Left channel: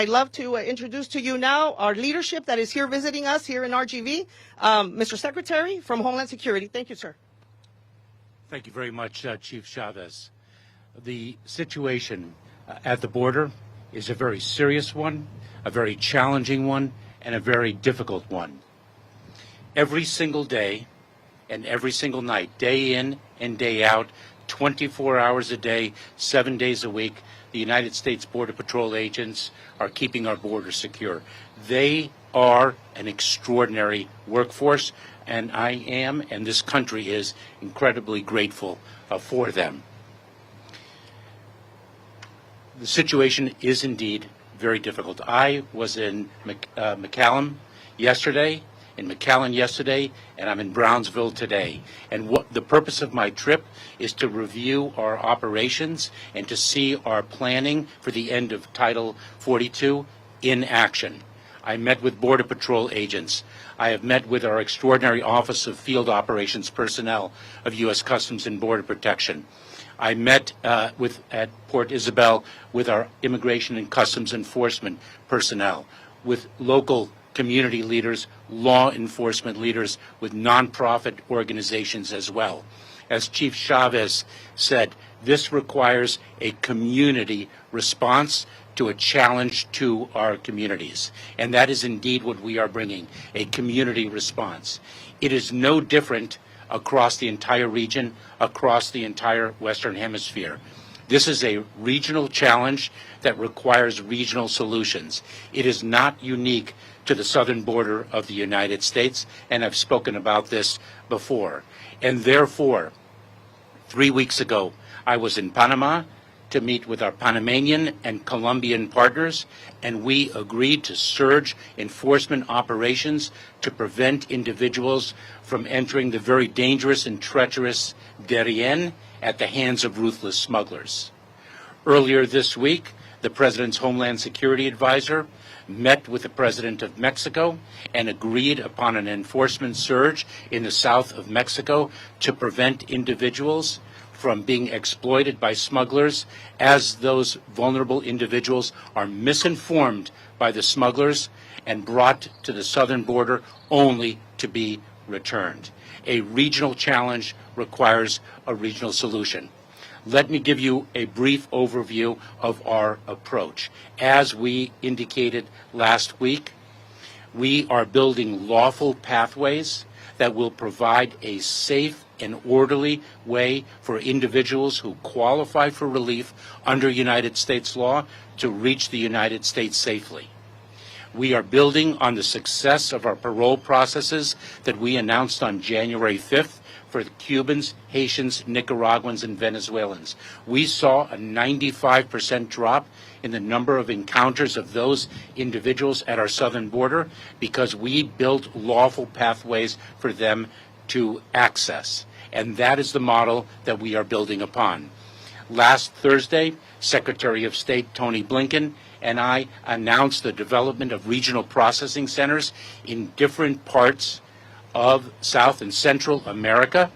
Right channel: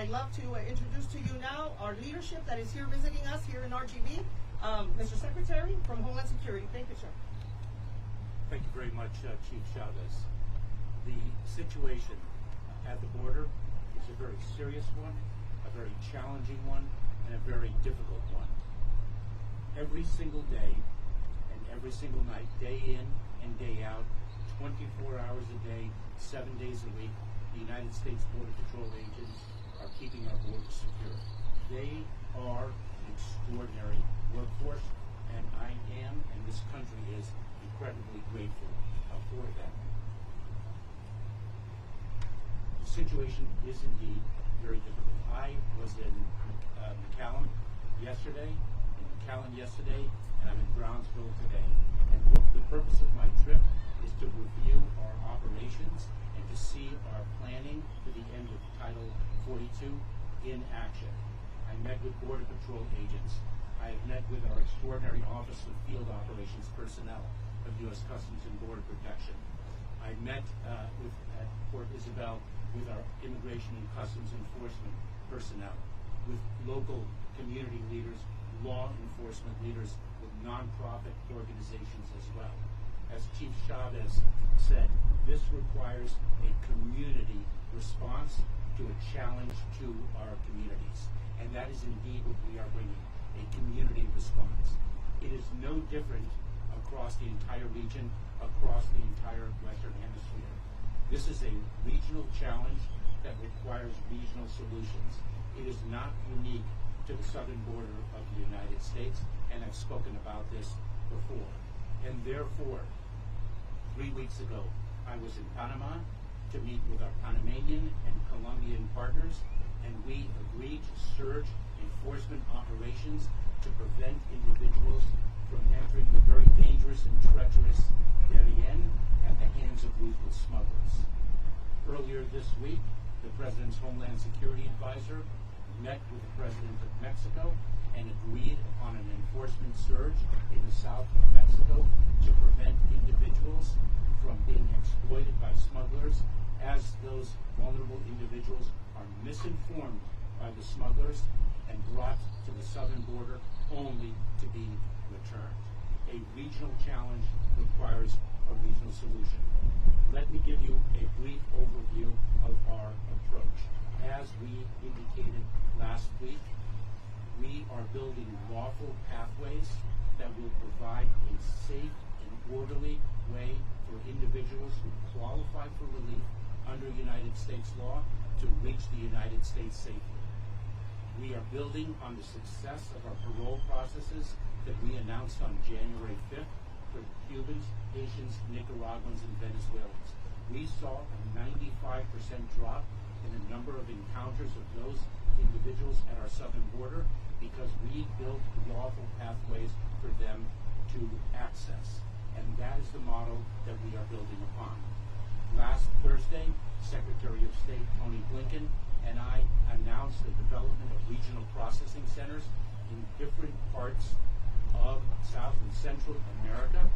I'd love to introduce to you now our leadership that is here visiting us here in RGV. Mr. Secretary from Homeland Security. Thank you, sir. Thank you very much, Chief Chavez. The situation at the border is a very serious one, a very challenging one, and a very difficult one. Every single day and every single night, day in and day out, 24 hours a day, 7 days a week, the United States Border Patrol agents are keeping our border secure. They are an extraordinary workforce, and I am, and this country is, incredibly grateful for them. The situation is indeed very difficult. I was in McAllen yesterday, and I'm in Brownsville today. And what the purpose of my trip is to review our operations and to see our planning for the end of Title 42 in action. I met with Border Patrol agents. I have met with our extraordinary Office of Field Operations personnel of U.S. Customs and Border Protection. I met at Port Isabel with our Immigration and Customs Enforcement personnel, with local community leaders, law enforcement leaders, with nonprofit organizations as well. As Chief Chavez said, this requires a community response to a challenge to our communities. And that is indeed what we are bringing, a community response. It is no different across the entire region, across the entire Western Hemisphere. This is a regional challenge that requires regional solutions. It is not unique to the southern border of the United States, and I've spoken about this before. And therefore, 3 weeks ago, I was in Panama to meet with our Panamanian and Colombian partners, and we agreed to surge enforcement operations to prevent individuals from entering the very dangerous and treacherous Darien at the hands of ruthless smugglers. Earlier this week, the President's Homeland Security Advisor met with the President of Mexico and agreed upon an enforcement surge in the south of Mexico to prevent individuals from being exploited by smugglers, as those vulnerable individuals are misinformed by the smugglers and brought to the southern border only to be returned. A regional challenge requires a regional solution. Let me give you a brief overview of our approach. As we indicated last week, we are building lawful pathways that will provide a safe and orderly way for individuals who qualify for relief under United States law to reach the United States safely. We are building on the success of our parole processes that we announced on January 5th for the Cubans, Haitians, Nicaraguans, and Venezuelans. We saw a 95% drop in the number of encounters of those individuals at our southern border because we built lawful pathways for them to access. And that is the model that we are building upon. Last Thursday, Secretary of State Tony Blinken and I announced the development of regional processing centers in different parts of South and Central America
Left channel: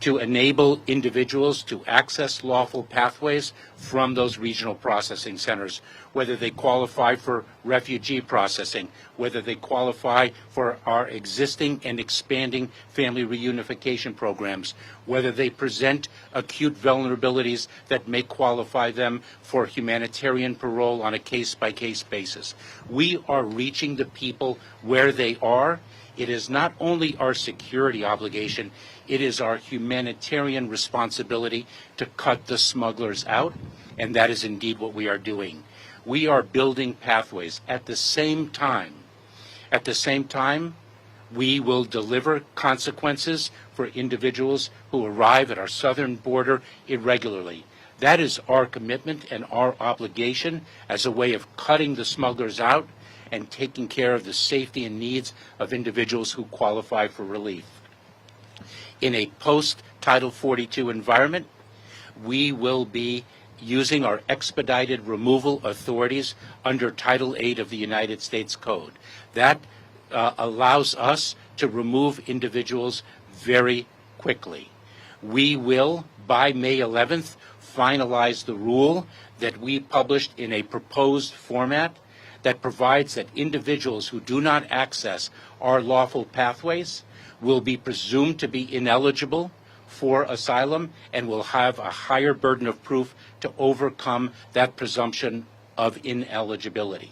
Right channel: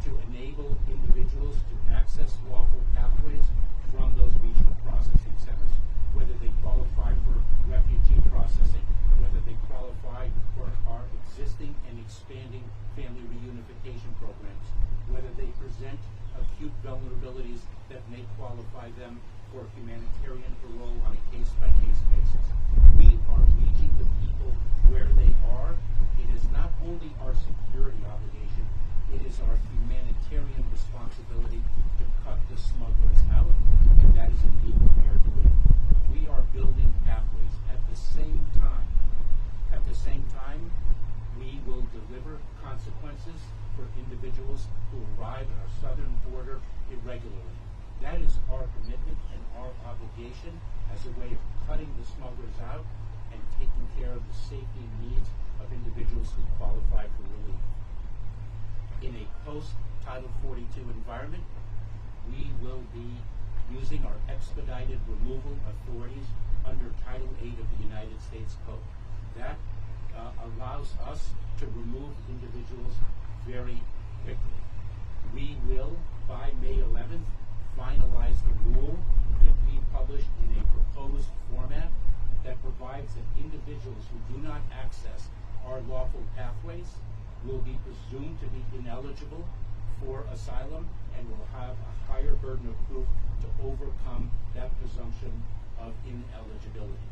to enable individuals to access lawful pathways from those regional processing centers, whether they qualify for refugee processing, whether they qualify for our existing and expanding family reunification programs, whether they present acute vulnerabilities that may qualify them for humanitarian parole on a case-by-case basis. We are reaching the people where they are. It is not only our security obligation, it is our humanitarian responsibility to cut the smugglers out, and that is indeed what we are doing. We are building pathways. At the same time, we will deliver consequences for individuals who arrive at our southern border irregularly. That is our commitment and our obligation as a way of cutting the smugglers out and taking care of the safety and needs of individuals who qualify for relief. In a post-Title 42 environment, we will be using our expedited removal authorities under Title 8 of the United States Code. That allows us to remove individuals very quickly. We will, by May 11th, finalize the rule that we published in a proposed format that provides that individuals who do not access our lawful pathways will be presumed to be ineligible for asylum and will have a higher burden of proof to overcome that presumption of ineligibility.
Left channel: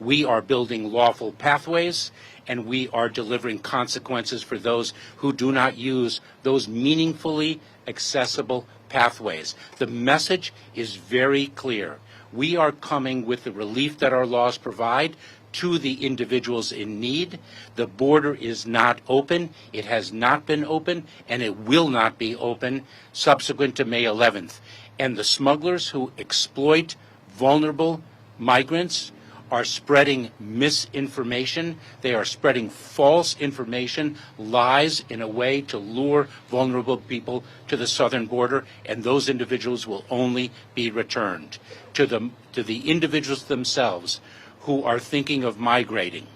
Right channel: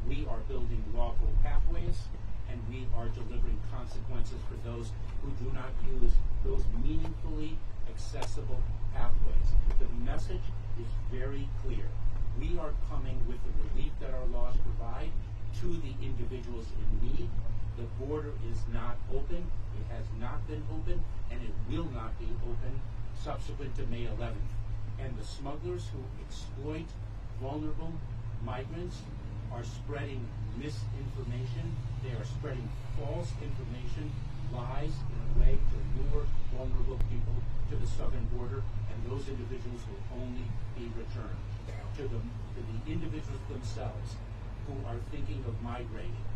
We are building lawful pathways, and we are delivering consequences for those who do not use those meaningfully accessible pathways. The message is very clear. We are coming with the relief that our laws provide to the individuals in need. The border is not open. It has not been open, and it will not be open subsequent to May 11th. And the smugglers who exploit vulnerable migrants are spreading misinformation. They are spreading false information, lies, in a way to lure vulnerable people to the southern border, and those individuals will only be returned. To the individuals themselves who are thinking of migrating,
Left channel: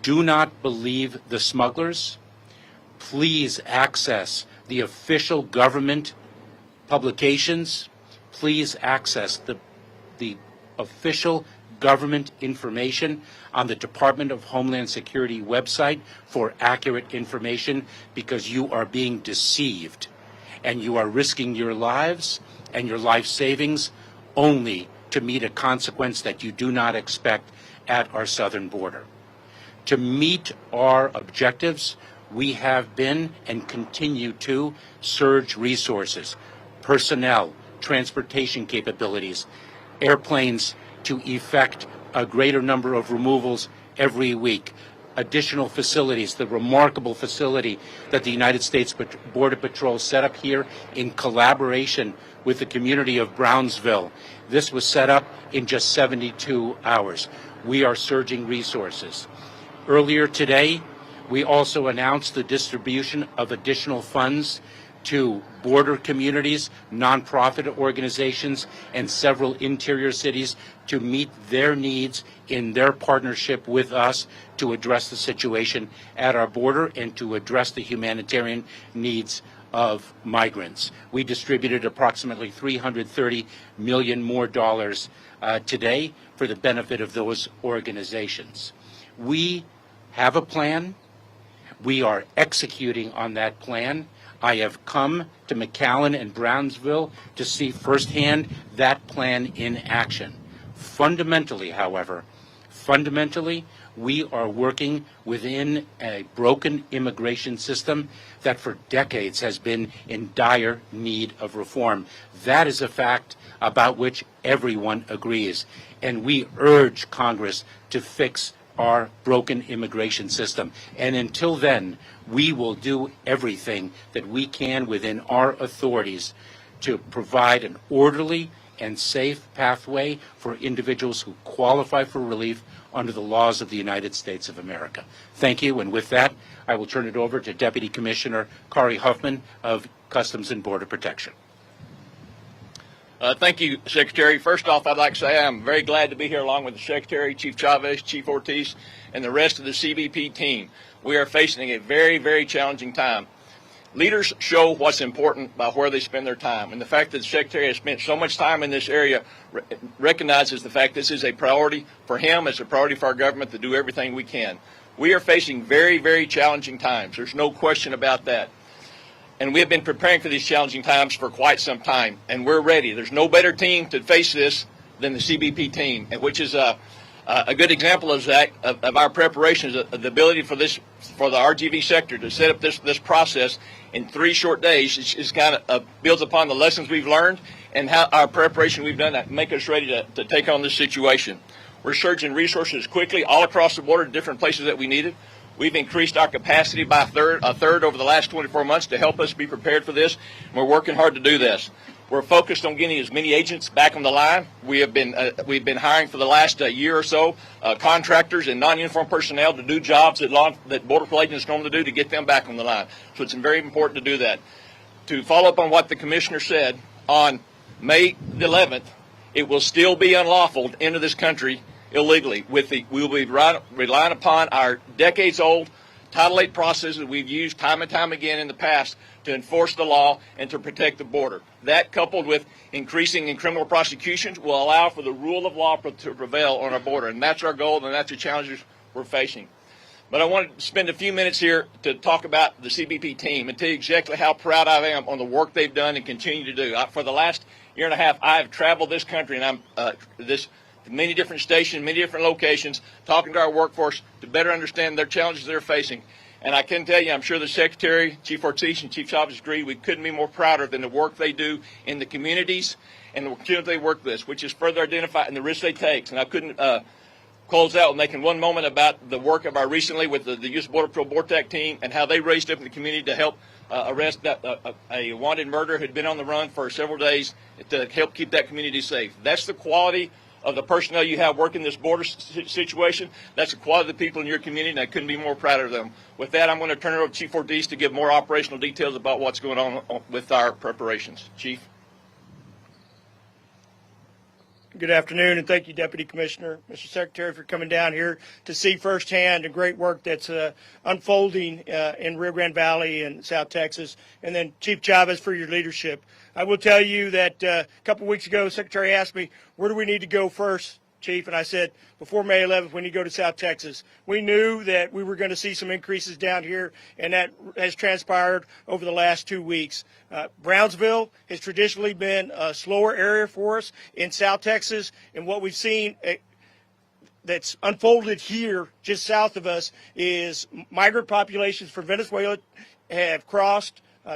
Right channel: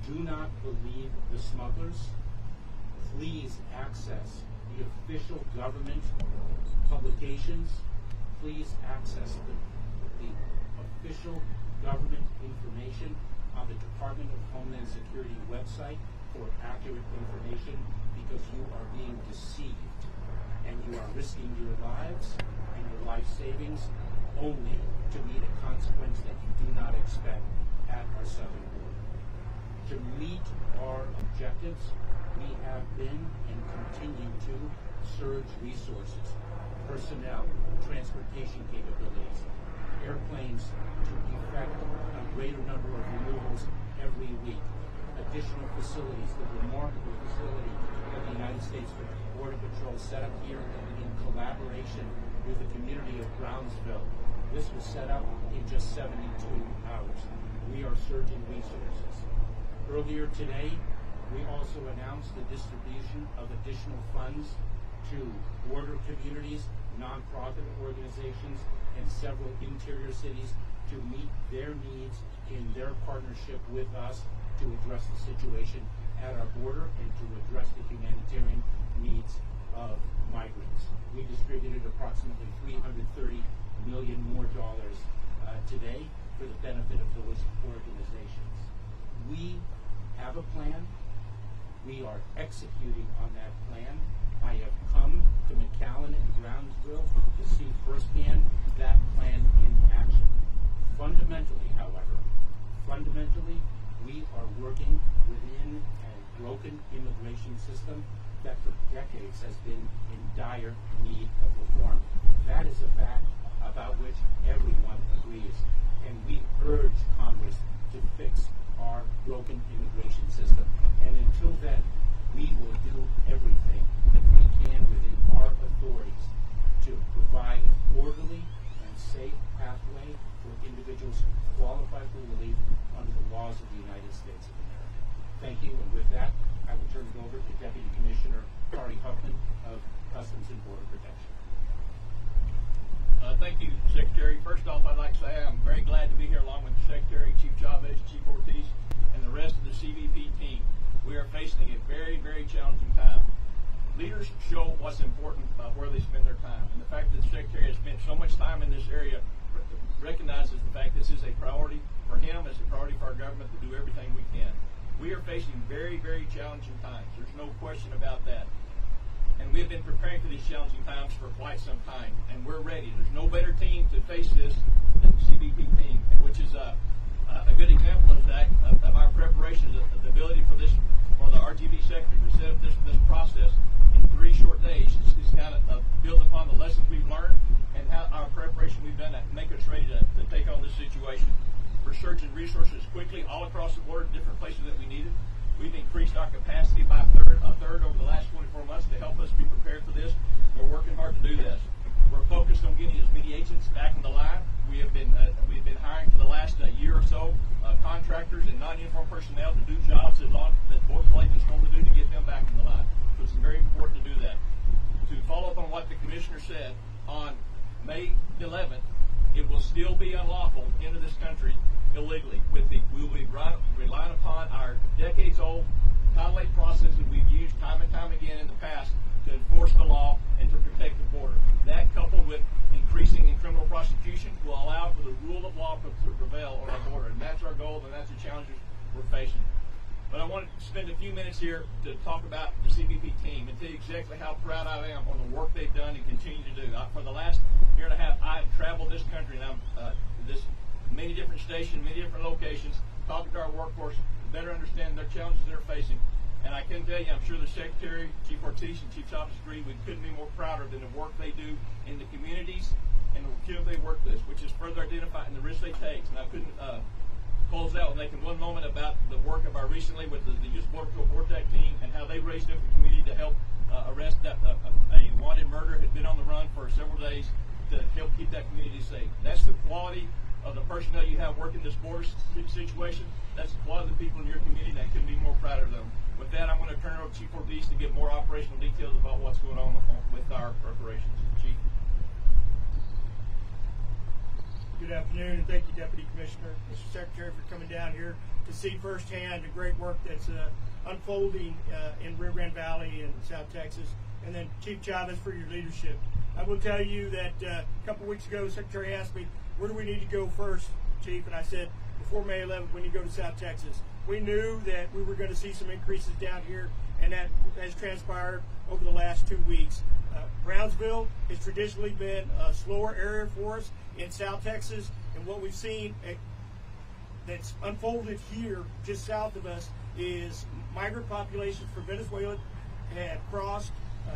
do not believe the smugglers. Please access the official government publications. Please access the official government information on the Department of Homeland Security website for accurate information, because you are being deceived and you are risking your lives and your life savings only to meet a consequence that you do not expect at our southern border. To meet our objectives, we have been and continue to surge resources, personnel, transportation capabilities, airplanes to effect a greater number of removals every week, additional facilities, the remarkable facility that the United States Border Patrol set up here in collaboration with the community of Brownsville. This was set up in just 72 hours. We are surging resources. Earlier today, we also announced the distribution of additional funds to border communities, nonprofit organizations, and several interior cities to meet their needs in their partnership with us to address the situation at our border and to address the humanitarian needs of migrants. We distributed approximately $330 million more today for the benefit of those organizations. We have a plan. We are executing on that plan. I have come to McAllen and Brownsville to see firsthand that plan in action. Fundamentally, however, we are working within a broken immigration system that for decades has been in dire need of reform. That is a fact about which everyone agrees, and we urge Congress to fix our broken immigration system. And until then, we will do everything that we can within our authorities to provide an orderly and safe pathway for individuals who qualify for relief under the laws of the United States of America. Thank you, and with that, I will turn it over to Deputy Commissioner Kari Huffman of Customs and Border Protection. Thank you, Secretary. First off, I'd like to say I'm very glad to be here along with the Secretary, Chief Chavez, Chief Ortiz, and the rest of the CBP team. We are facing a very, very challenging time. Leaders show what's important by where they spend their time, and the fact that the Secretary has spent so much time in this area recognizes the fact this is a priority for him, it's a priority for our government to do everything we can. We are facing very, very challenging times. There's no question about that. And we have been preparing for these challenging times for quite some time, and we're ready. There's no better team to face this than the CBP team, which is a good example of that, of our preparations, the ability for the RGV sector to set up this process in 3 short days is kind of builds upon the lessons we've learned and how our preparation we've done that make us ready to take on this situation. We're surging resources quickly all across the border to different places that we need it. We've increased our capacity by a third over the last 24 months to help us be prepared for this. And we're working hard to do this. We're focused on getting as many agents back on the line. We've been hiring for the last year or so contractors and non-uniformed personnel to do jobs that Border Patrol agents normally do to get them back on the line. So it's very important to do that. To follow up on what the Commissioner said, on May the 11th, it will still be unlawful to enter this country illegally. We will be relying upon our decades-old Title VIII process that we've used time and time again in the past to enforce the law and to protect the border. That, coupled with increasing in criminal prosecutions, will allow for the rule of law to prevail on our border, and that's our goal, and that's the challenges we're facing. But I want to spend a few minutes here to talk about the CBP team and tell you exactly how proud I am on the work they've done and continue to do. For the last year and a half, I have traveled this country, and many different stations, many different locations, talking to our workforce to better understand their challenges they're facing. And I can tell you, I'm sure the Secretary, Chief Ortiz, and Chief Chavez agree, we couldn't be more prouder than the work they do in the communities and the community they work with, which is further identified in the risk they take. And I couldn't close out with making one moment about the work of our recently with the U.S. Border Patrol BORTAC team and how they raised up in the community to help arrest a wanted murderer who'd been on the run for several days to help keep that community safe. That's the quality of the personnel you have working this border situation. That's the quality of the people in your community, and I couldn't be more proud of them. With that, I'm going to turn it over to Chief Ortiz to give more operational details about what's going on with our preparations. Chief. Good afternoon, and thank you, Deputy Commissioner, Mr. Secretary, for coming down here to see firsthand the great work that's unfolding in Rio Grande Valley and South Texas, and then Chief Chavez for your leadership. I will tell you that a couple of weeks ago, the Secretary asked me, where do we need to go first, Chief? And I said, before May 11th, we need to go to South Texas. We knew that we were going to see some increases down here, and that has transpired over the last 2 weeks. Brownsville has traditionally been a slower area for us in South Texas, and what we've seen that's unfolded here just south of us is migrant populations from Venezuela have crossed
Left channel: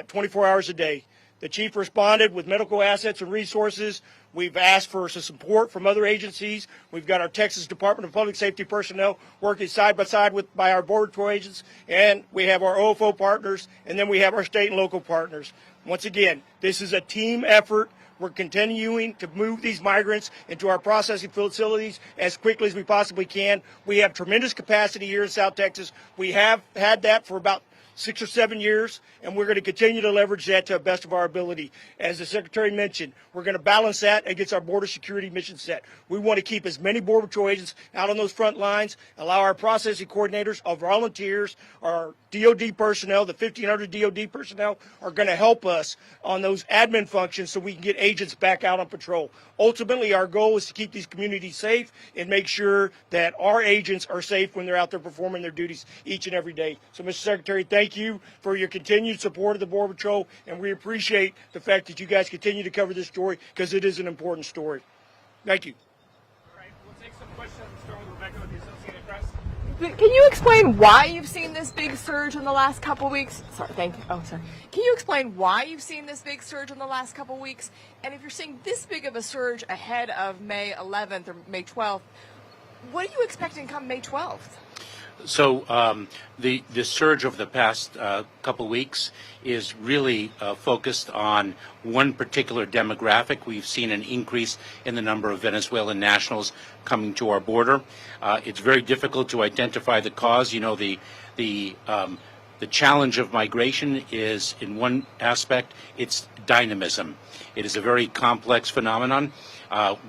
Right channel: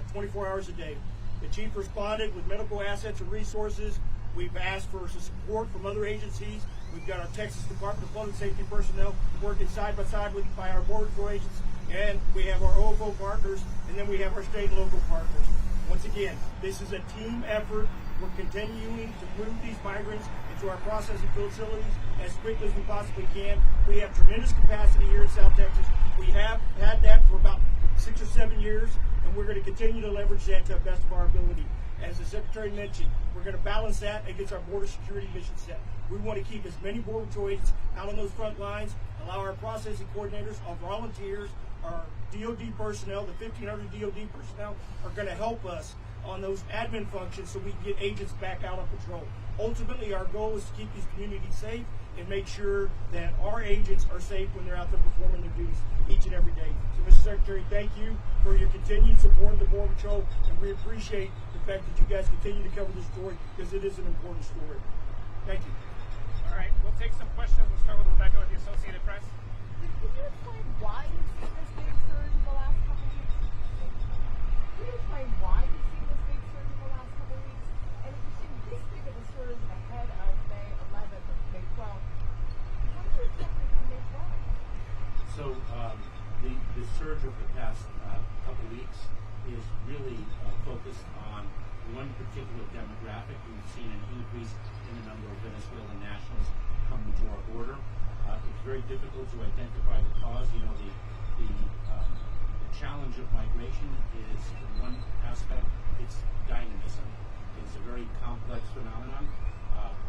24 hours a day. The Chief responded with medical assets and resources. We've asked for some support from other agencies. We've got our Texas Department of Public Safety personnel working side by side by our Border Patrol agents, and we have our OFO partners, and then we have our state and local partners. Once again, this is a team effort. We're continuing to move these migrants into our processing facilities as quickly as we possibly can. We have tremendous capacity here in South Texas. We have had that for about 6 or 7 years, and we're going to continue to leverage that to the best of our ability. As the Secretary mentioned, we're going to balance that against our border security mission set. We want to keep as many Border Patrol agents out on those front lines, allow our processing coordinators, our volunteers, our DOD personnel, the 1,500 DOD personnel are going to help us on those admin functions so we can get agents back out on patrol. Ultimately, our goal is to keep these communities safe and make sure that our agents are safe when they're out there performing their duties each and every day. So, Mr. Secretary, thank you for your continued support of the Border Patrol, and we appreciate the fact that you guys continue to cover this story because it is an important story. Thank you. All right, we'll take some questions. Start with Rebecca with the Associated Press. Can you explain why you've seen this big surge in the last couple weeks? Sorry, thank you. Oh, sorry. Can you explain why you've seen this big surge in the last couple weeks? And if you're seeing this big of a surge ahead of May 11th or May 12th, what are you expecting come May 12th? So the surge of the past couple weeks is really focused on one particular demographic. We've seen an increase in the number of Venezuelan nationals coming to our border. It's very difficult to identify the cause. You know, the challenge of migration is, in one aspect, it's dynamism. It is a very complex phenomenon.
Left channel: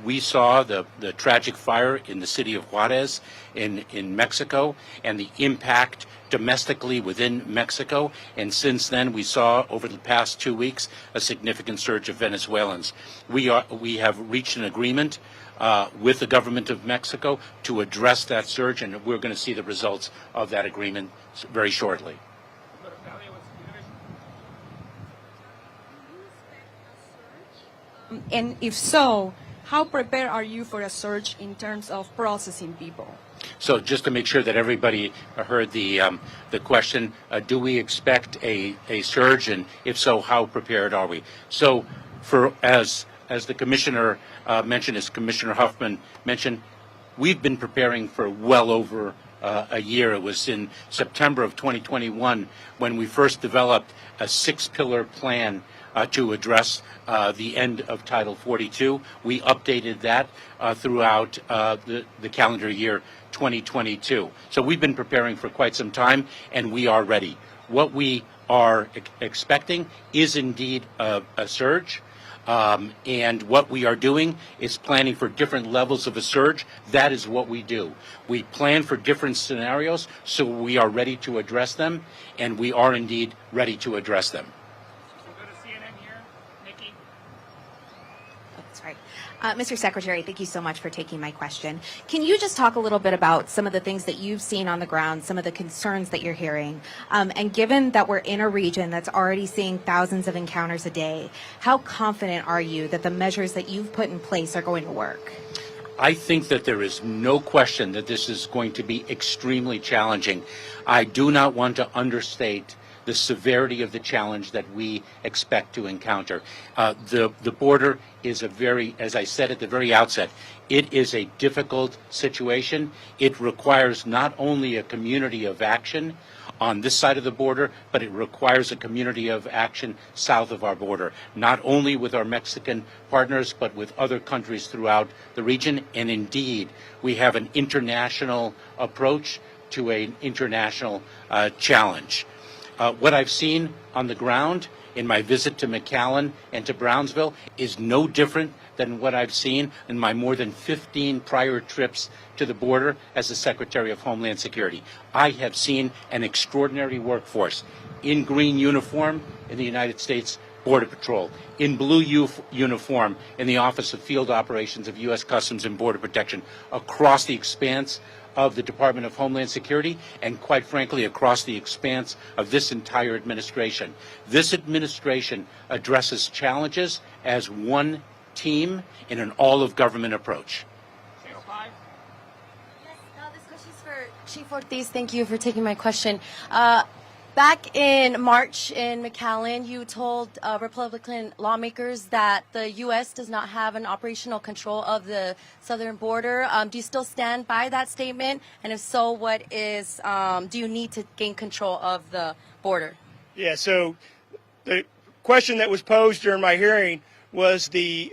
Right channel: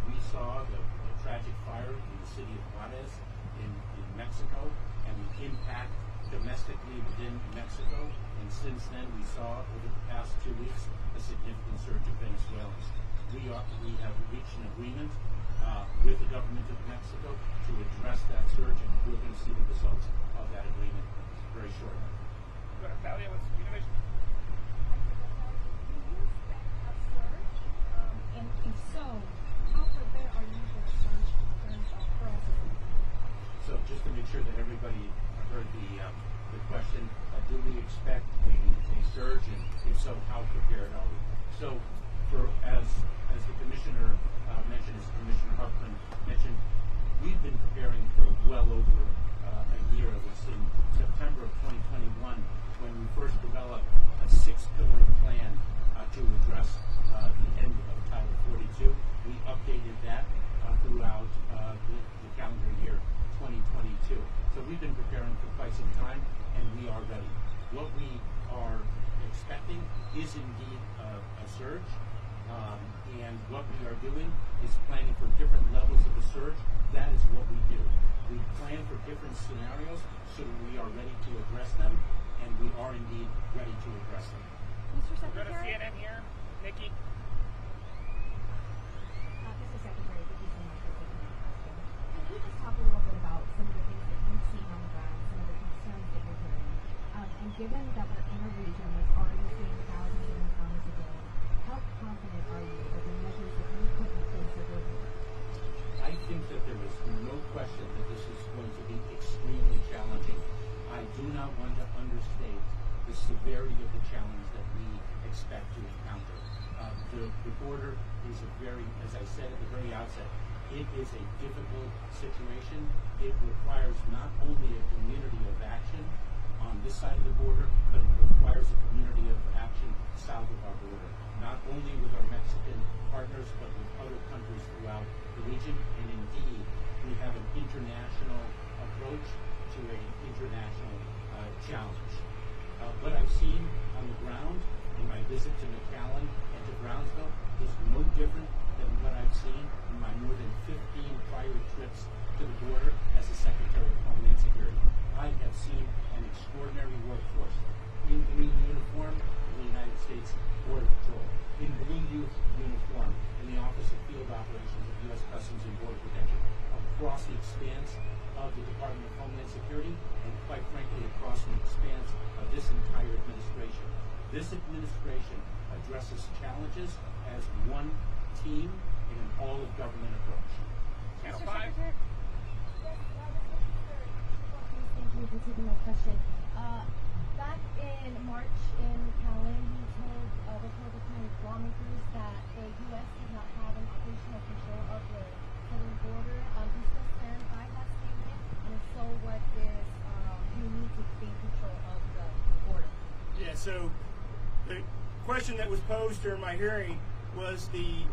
We saw the tragic fire in the city of Juarez in Mexico and the impact domestically within Mexico, and since then we saw over the past 2 weeks a significant surge of Venezuelans. We have reached an agreement with the government of Mexico to address that surge, and we're going to see the results of that agreement very shortly. And if so, how prepared are you for a surge in terms of processing people? So just to make sure that everybody heard the question, do we expect a surge, and if so, how prepared are we? So, as the Commissioner mentioned, as Commissioner Huffman mentioned, we've been preparing for well over a year. It was in September of 2021 when we first developed a 6-pillar plan to address the end of Title 42. We updated that throughout the calendar year 2022. So we've been preparing for quite some time, and we are ready. What we are expecting is indeed a surge, and what we are doing is planning for different levels of a surge. That is what we do. We plan for different scenarios, so we are ready to address them, and we are indeed ready to address them. Mr. Secretary, thank you so much for taking my question. Can you just talk a little bit about some of the things that you've seen on the ground, some of the concerns that you're hearing? And given that we're in a region that's already seeing thousands of encounters a day, how confident are you that the measures that you've put in place are going to work? I think that there is no question that this is going to be extremely challenging. I do not want to understate the severity of the challenge that we expect to encounter. The border is a very, as I said at the very outset, it is a difficult situation. It requires not only a community of action on this side of the border, but it requires a community of action south of our border, not only with our Mexican partners, but with other countries throughout the region. And indeed, we have an international approach to an international challenge. What I've seen on the ground in my visit to McAllen and to Brownsville is no different than what I've seen in my more than 15 prior trips to the border as the Secretary of Homeland Security. I have seen an extraordinary workforce in green uniform in the United States Border Patrol, in blue uniform in the Office of Field Operations of U.S. Customs and Border Protection, across the expanse of the Department of Homeland Security, and quite frankly across the expanse of this entire administration. This administration addresses challenges as one team in an all-of-government approach. Yes, this question is for Chief Ortiz. Thank you for taking my question. Back in March in McAllen, you told Republican lawmakers that the U.S. does not have an operational control of the southern border. Do you still stand by that statement? And if so, what is, do you need to gain control of the border? Yeah, so the question that was posed during my hearing was the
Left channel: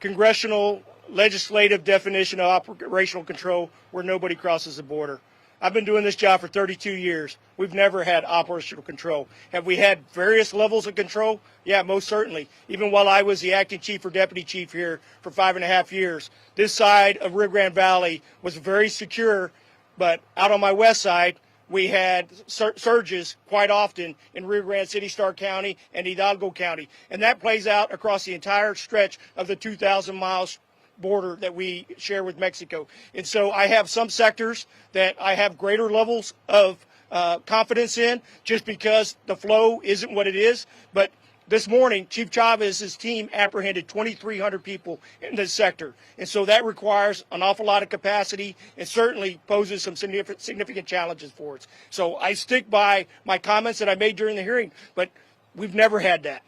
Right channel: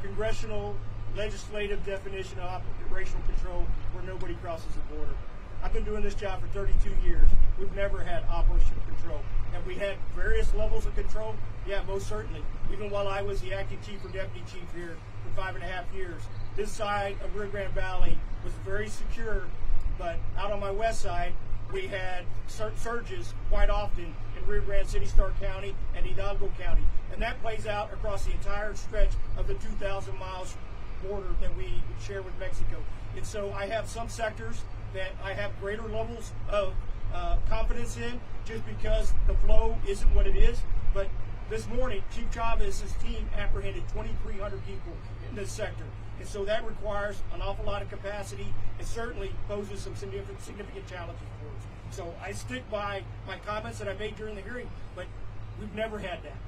congressional legislative definition of operational control where nobody crosses the border. I've been doing this job for 32 years. We've never had operational control. Have we had various levels of control? Yeah, most certainly. Even while I was the acting chief or deputy chief here for 5.5 years, this side of Rio Grande Valley was very secure, but out on my west side, we had surges quite often in Rio Grande City, Starr County, and Hidalgo County. And that plays out across the entire stretch of the 2,000 miles border that we share with Mexico. And so I have some sectors that I have greater levels of confidence in just because the flow isn't what it is. But this morning, Chief Chavez's team apprehended 2,300 people in this sector. And so that requires an awful lot of capacity and certainly poses some significant challenges for us. So I stick by my comments that I made during the hearing, but we've never had that.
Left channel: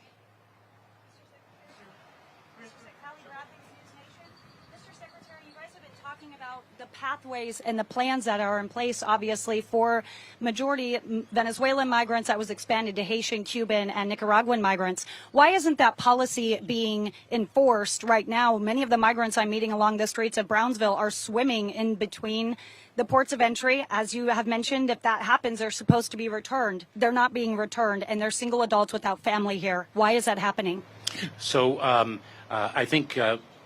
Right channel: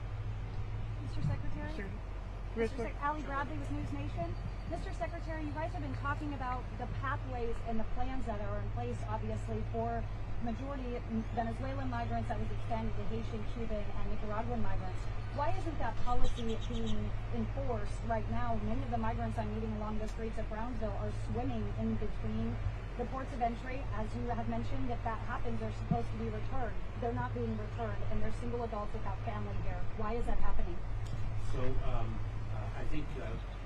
Mr. Secretary? Sure. Ali Bradley with News Nation. Mr. Secretary, you guys have been talking about the pathways and the plans that are in place, obviously, for majority Venezuelan migrants that was expanded to Haitian, Cuban, and Nicaraguan migrants. Why isn't that policy being enforced right now? Many of the migrants I'm meeting along the streets of Brownsville are swimming in between the ports of entry. As you have mentioned, if that happens, they're supposed to be returned. They're not being returned, and they're single adults without family here. Why is that happening? So I think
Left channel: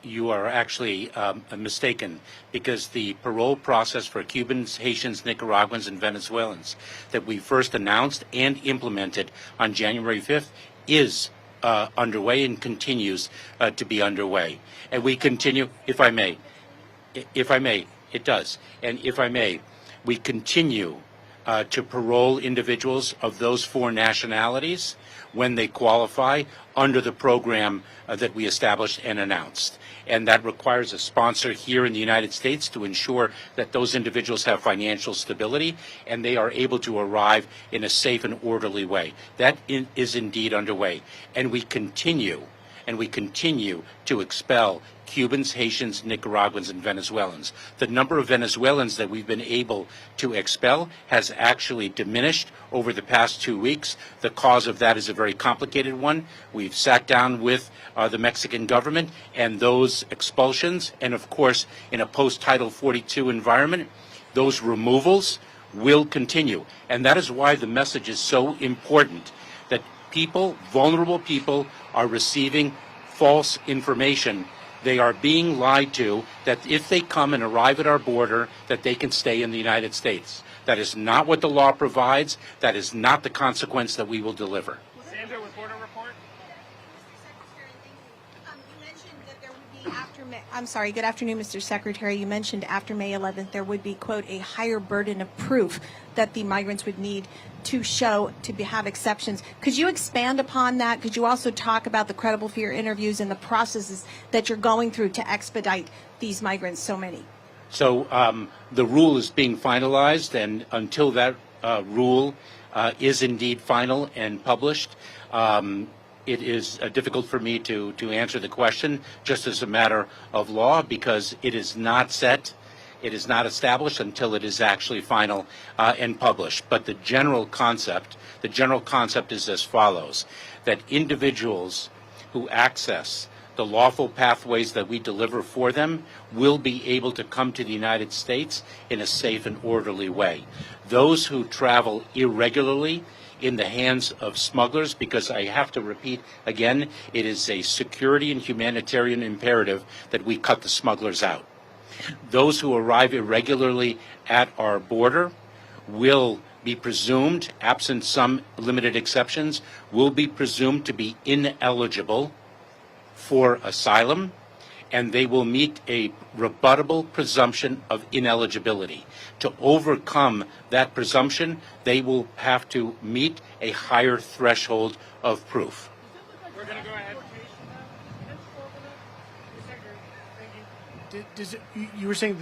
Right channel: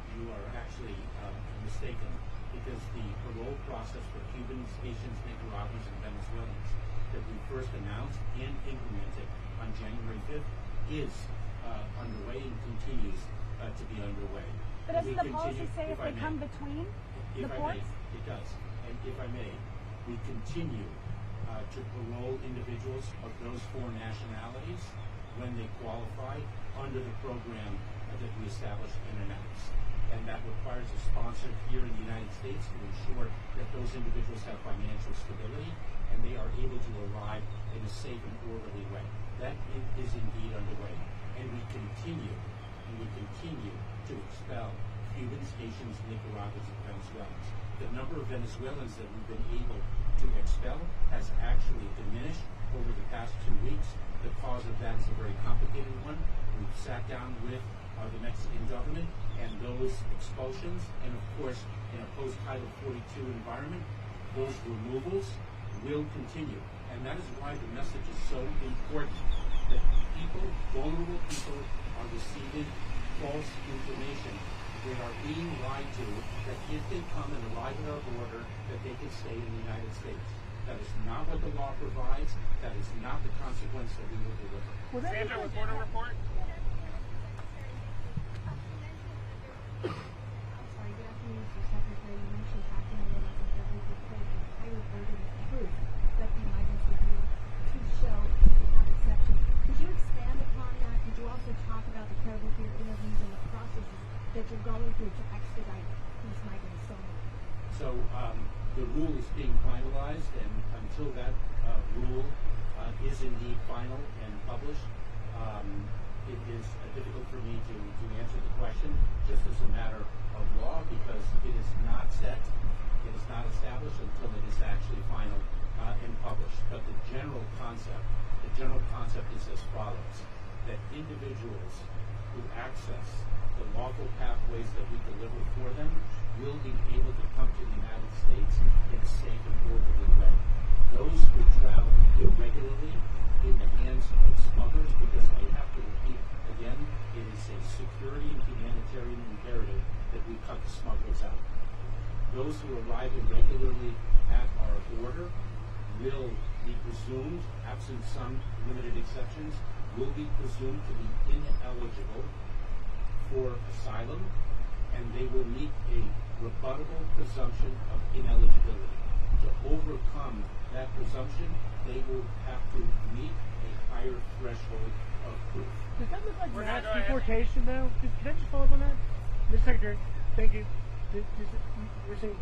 you are actually mistaken, because the parole process for Cubans, Haitians, Nicaraguans, and Venezuelans that we first announced and implemented on January 5th is underway and continues to be underway. And we continue, if I may, it does. And if I may, we continue to parole individuals of those four nationalities when they qualify under the program that we established and announced. And that requires a sponsor here in the United States to ensure that those individuals have financial stability and they are able to arrive in a safe and orderly way. That is indeed underway. And we continue to expel Cubans, Haitians, Nicaraguans, and Venezuelans. The number of Venezuelans that we've been able to expel has actually diminished over the past 2 weeks. The cause of that is a very complicated one. We've sat down with the Mexican government, and those expulsions, and of course in a post-Title 42 environment, those removals will continue. And that is why the message is so important, that people, vulnerable people, are receiving false information. They are being lied to that if they come and arrive at our border, that they can stay in the United States. That is not what the law provides. That is not the consequence that we will deliver. Sandra with Border Report. You mentioned that there would be I'm sorry. Good afternoon, Mr. Secretary. You mentioned after May 11th there would be, quote, a higher burden of proof that the migrants would need to show have exceptions. Could you expand upon that? Could you also talk about the credible fear interviews and the processes that you're going through to expedite these migrants, so many? So the rule is being finalized, and until that rule is indeed final and published, it is difficult for me to answer the question just as a matter of law, because it is not set, it is not established until it is actually final and published. But the general concept is as follows: that individuals who access the lawful pathways that we deliver for them will be able to come to the United States in a safe and orderly way. Those who travel irregularly in the hands of smugglers, because I have to repeat again, it is a security and humanitarian imperative that we cut the smugglers out. Those who arrive irregularly at our border will be presumed, absent some limited exceptions, will be presumed to be ineligible for asylum, and they will meet a rebuttable presumption of ineligibility. To overcome that presumption, they will have to meet a higher threshold of proof. We're going to go ahead. Deportation now? Could you just follow on that? Mr. Secretary, thank you. You were saying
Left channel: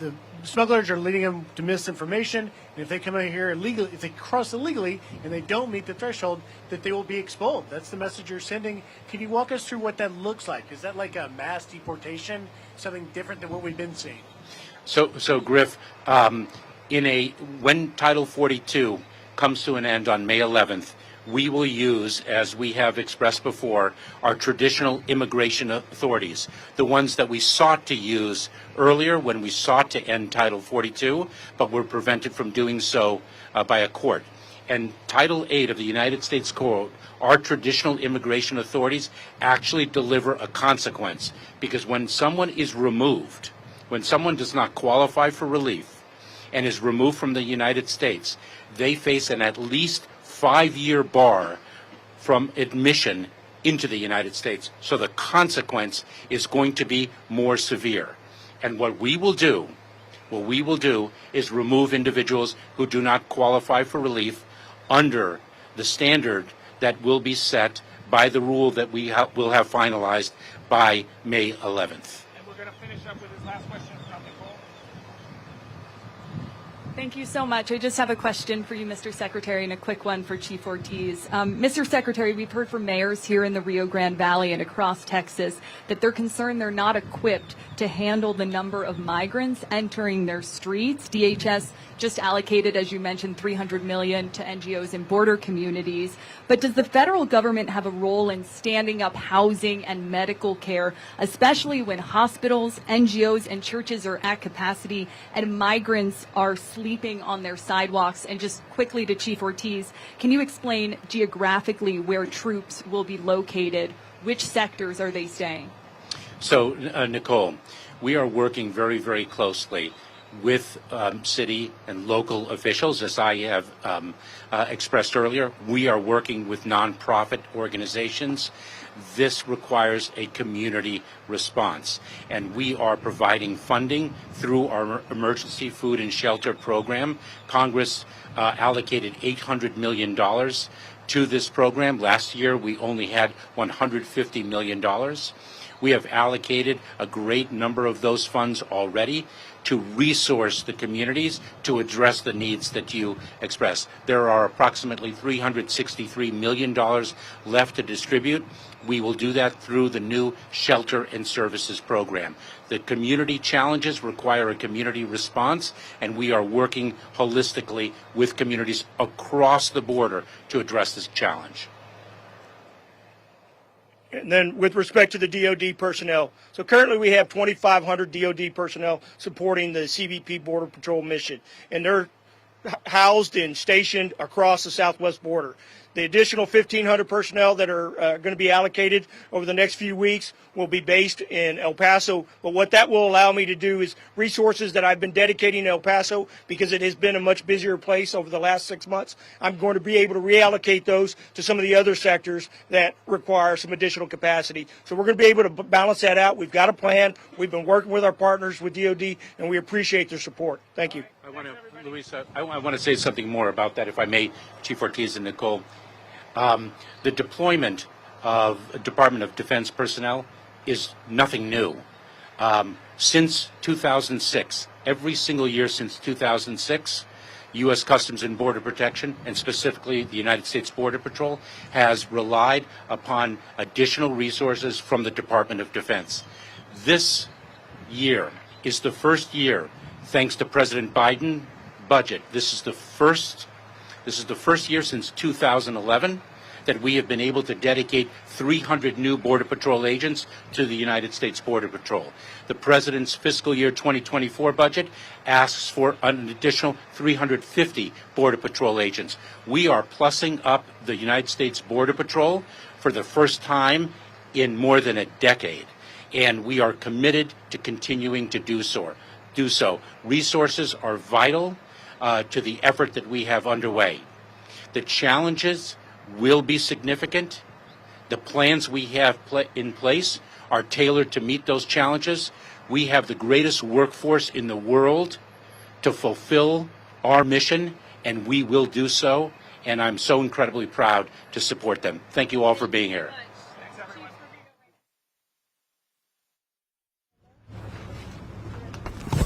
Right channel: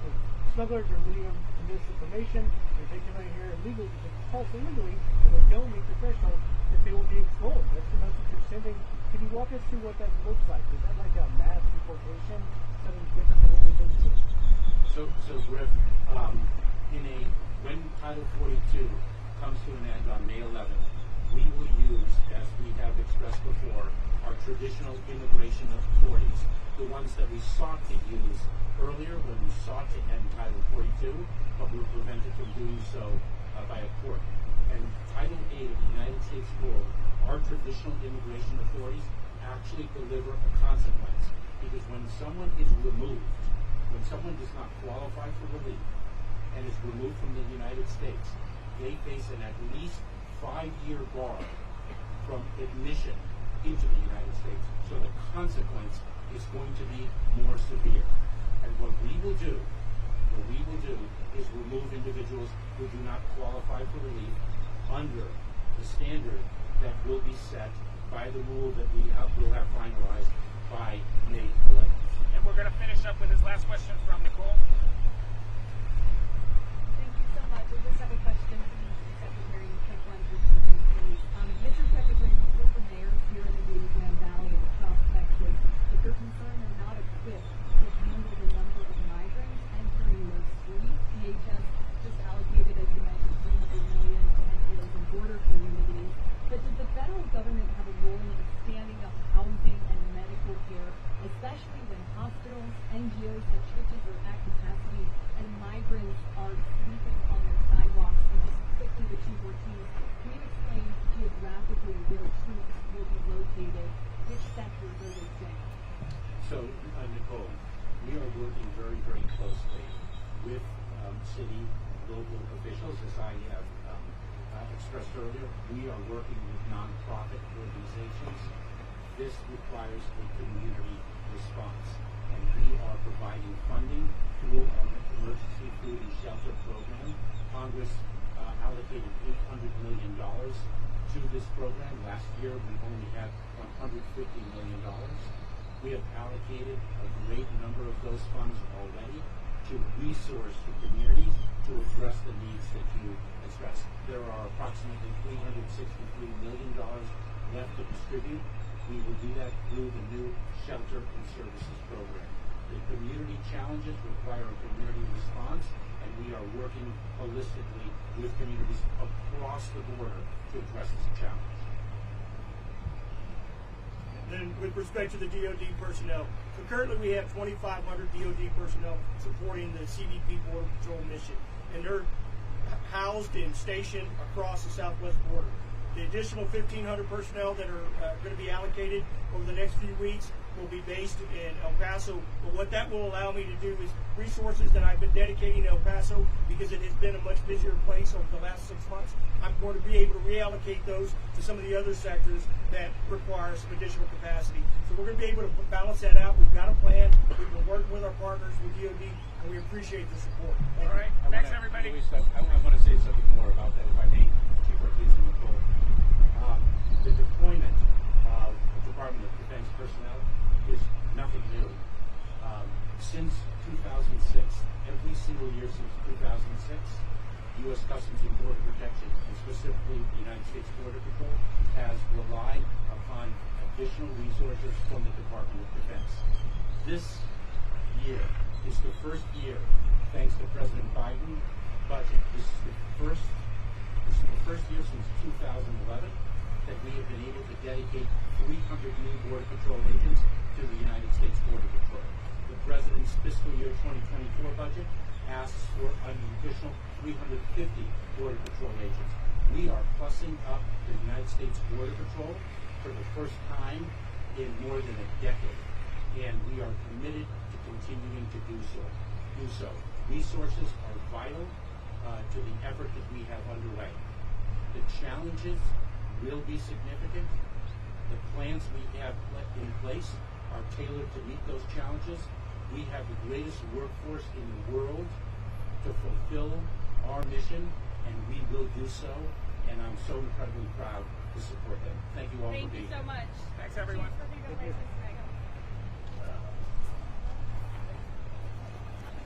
the smugglers are leading them to misinformation, and if they come in here illegally, if they cross illegally and they don't meet the threshold, that they will be expelled. That's the message you're sending. Can you walk us through what that looks like? Is that like a mass deportation, something different than what we've been seeing? So Griff, when Title 42 comes to an end on May 11th, we will use, as we have expressed before, our traditional immigration authorities, the ones that we sought to use earlier when we sought to end Title 42, but were prevented from doing so by a court. And Title 8 of the United States Code, our traditional immigration authorities actually deliver a consequence, because when someone is removed, when someone does not qualify for relief and is removed from the United States, they face an at least 5-year bar from admission into the United States. So the consequence is going to be more severe. And what we will do is remove individuals who do not qualify for relief under the standard that will be set by the rule that we will have finalized by May 11th. And we're going to finish up with his last question from Nicole. Thank you so much. I just have a question for you, Mr. Secretary, and a quick one for Chief Ortiz. Mr. Secretary, we've heard from mayors here in the Rio Grande Valley and across Texas that they're concerned they're not equipped to handle the number of migrants entering their streets. DHS just allocated, as you mentioned, $300 million to NGOs in border communities. But does the federal government have a role in standing up housing and medical care, especially when hospitals, NGOs, and churches are at capacity and migrants are sleeping on their sidewalks? And just quickly to Chief Ortiz, can you explain geographically where troops will be located? Which sectors are they staying? So, Nicole, we are working very, very closely with city and local officials. As I have expressed earlier, we are working with nonprofit organizations. This requires a community response, and we are providing funding through our Emergency Food and Shelter Program. Congress allocated $800 million to this program. Last year, we only had $150 million. We have allocated a great number of those funds already to resource the communities to address the needs that you express. There are approximately $363 million left to distribute. We will do that through the new Shelter and Services Program. The community challenges require a community response, and we are working holistically with communities across the border to address this challenge. And then with respect to the DOD personnel, so currently we have 2,500 DOD personnel supporting the CBP Border Patrol mission, and they're housed and stationed across the southwest border. The additional 1,500 personnel that are going to be allocated over the next few weeks will be based in El Paso. But what that will allow me to do is resources that I've been dedicating to El Paso, because it has been a much busier place over the last 6 months, I'm going to be able to reallocate those to some of the other sectors that require some additional capacity. So we're going to be able to balance that out. We've got a plan. We've been working with our partners with DOD, and we appreciate their support. Thank you. I want to say something more about that, if I may, Chief Ortiz and Nicole. The deployment of Department of Defense personnel is nothing new. Since 2006, every single year since 2006, U.S. Customs and Border Protection, and specifically the United States Border Patrol, has relied upon additional resources from the Department of Defense. This year is the first year, thanks to President Biden budget, this is the first year since 2011 that we have been able to dedicate 300 new Border Patrol agents to the United States Border Patrol. The President's fiscal year 2024 budget asks for an additional 350 Border Patrol agents. We are plussing up the United States Border Patrol for the first time in more than a decade, and we are committed to continuing to do so. Resources are vital to the effort that we have underway. The challenges will be significant. The plans we have in place are tailored to meet those challenges. We have the greatest workforce in the world to fulfill our mission, and we will do so, and I'm so incredibly proud to support them. Thank you all for being here.